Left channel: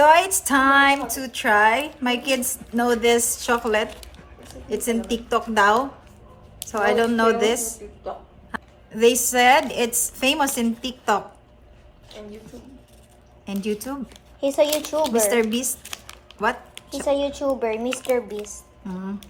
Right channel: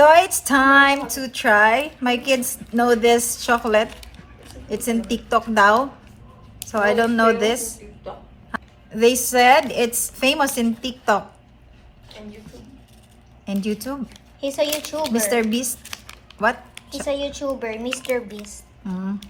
So it's time to try. My kids know this chocolate. It's in TikTok now. So I don't know this. They said it's famous in TikTok and YouTube. He's a YouTuber. Mr. Beast. What? He's a YouTuber, Mr. Beast. Mm.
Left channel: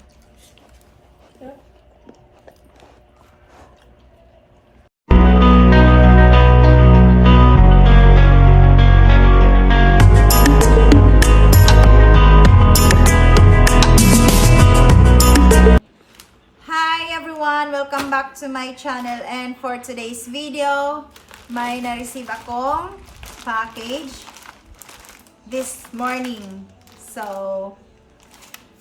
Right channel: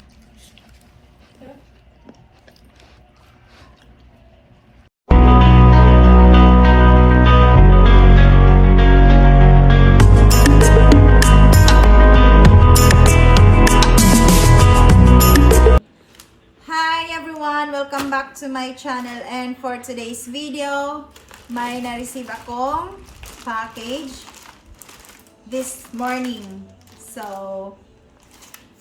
Hi everyone! Welcome back to my channel, and for today's video, may na-receive akong package this morning. So,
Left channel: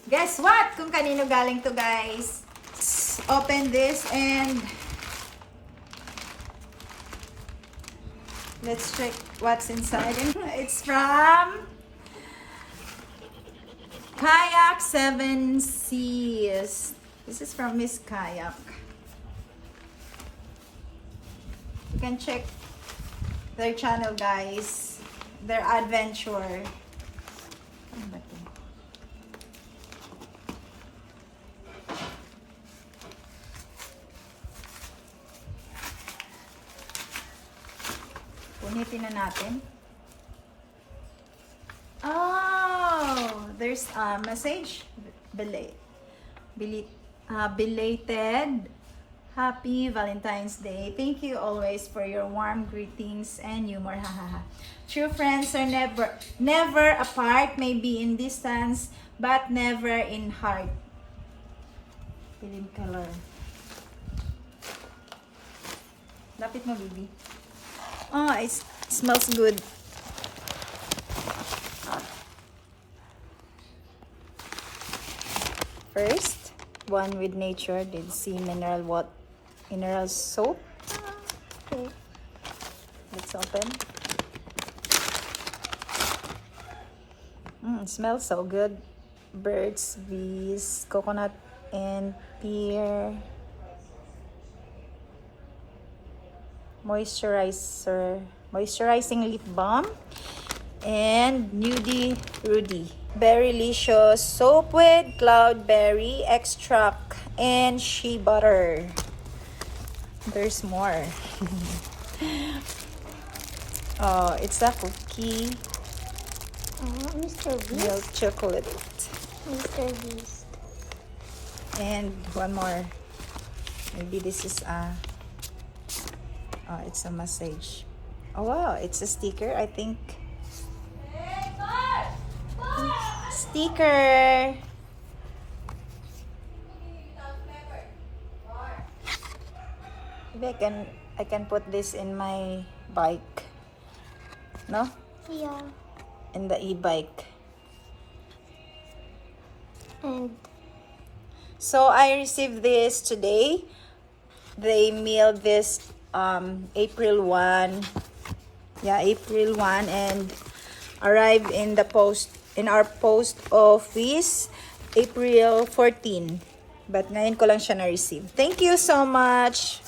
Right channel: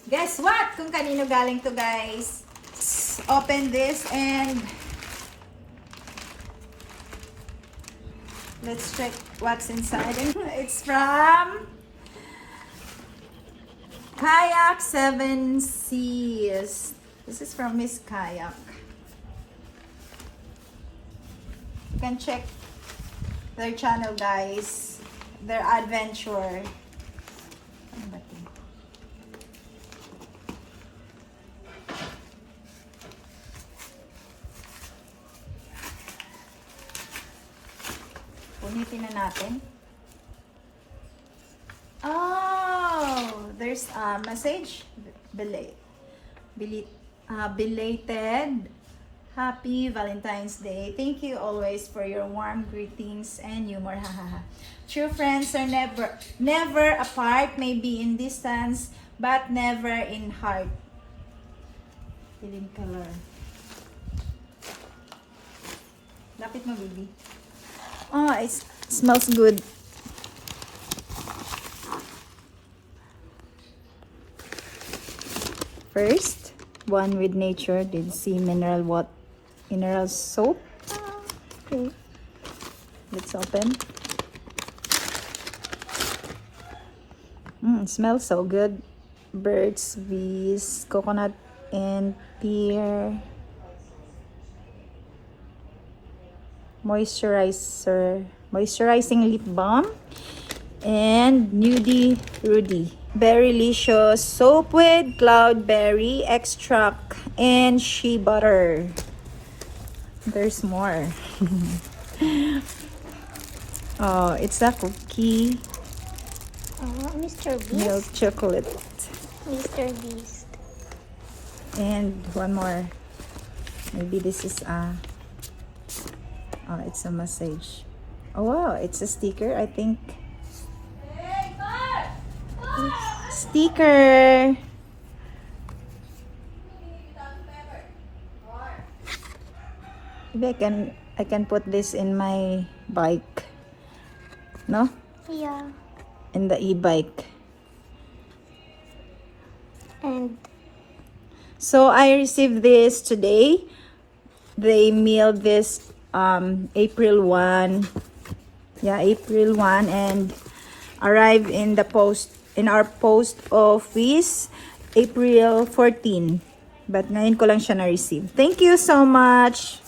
guess what? Kung kanino galing to, guys. Open this and let's check what's inside. It's from Kayak 7 Seas. This is from Miss Kayak. You can check their channel, guys. Their adventure. Ano ba ito? Punitin na natin. Oh, there's a message. Belated Happy Valentine's Day. Thank you always for your warm greetings and humor. Hahaha. True friends are never apart, maybe in distance, but never in heart. Piling color. Lapit mo, baby. Oh, it smells good. First, one with nature, Dead Sea mineral soap. Okay. Let's open. It smells so good. Burt's Bees, coconut and pear. Moisturizing lip balm. And Nudie Rudy. Berrylicious soap with cloudberry extract and shea butter. There's more. Oh, it's a cookie. Mr. Milk Beast. chocolate. Mr. Beast. And one more. Maybe this is it's a message. Oh, wow, it's a sticker, I think. Sticker. Maybe I can put this in my bike. No? Yeah. In the e-bike. And So I received this today. They mailed this April 1. Yeah, April 1, and arrived in the post in our post office April 14. But ngayon ko lang siya na-receive. Thank you so much.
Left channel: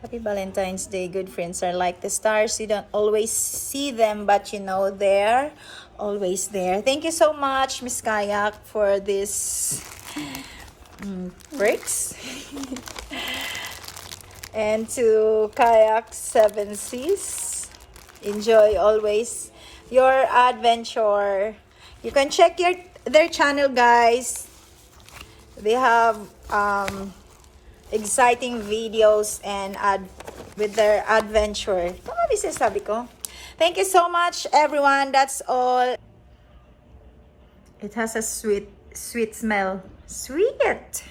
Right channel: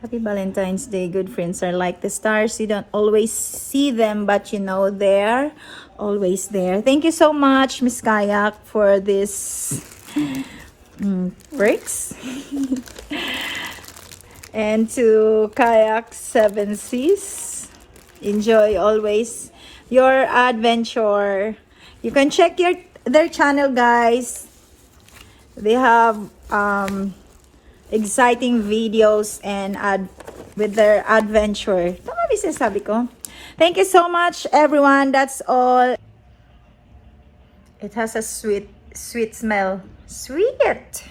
Happy Valentine's Day. Good friends are like the stars. You don't always see them, but you know they're always there. Thank you so much, Miss Kayak, for this perks. And to Kayak 7 Seas, enjoy always your adventure. You can check their channel, guys. They have exciting videos and with their adventure. Tama ba sinasabi ko? Thank you so much, everyone. That's all. It has a sweet smell. Sweet.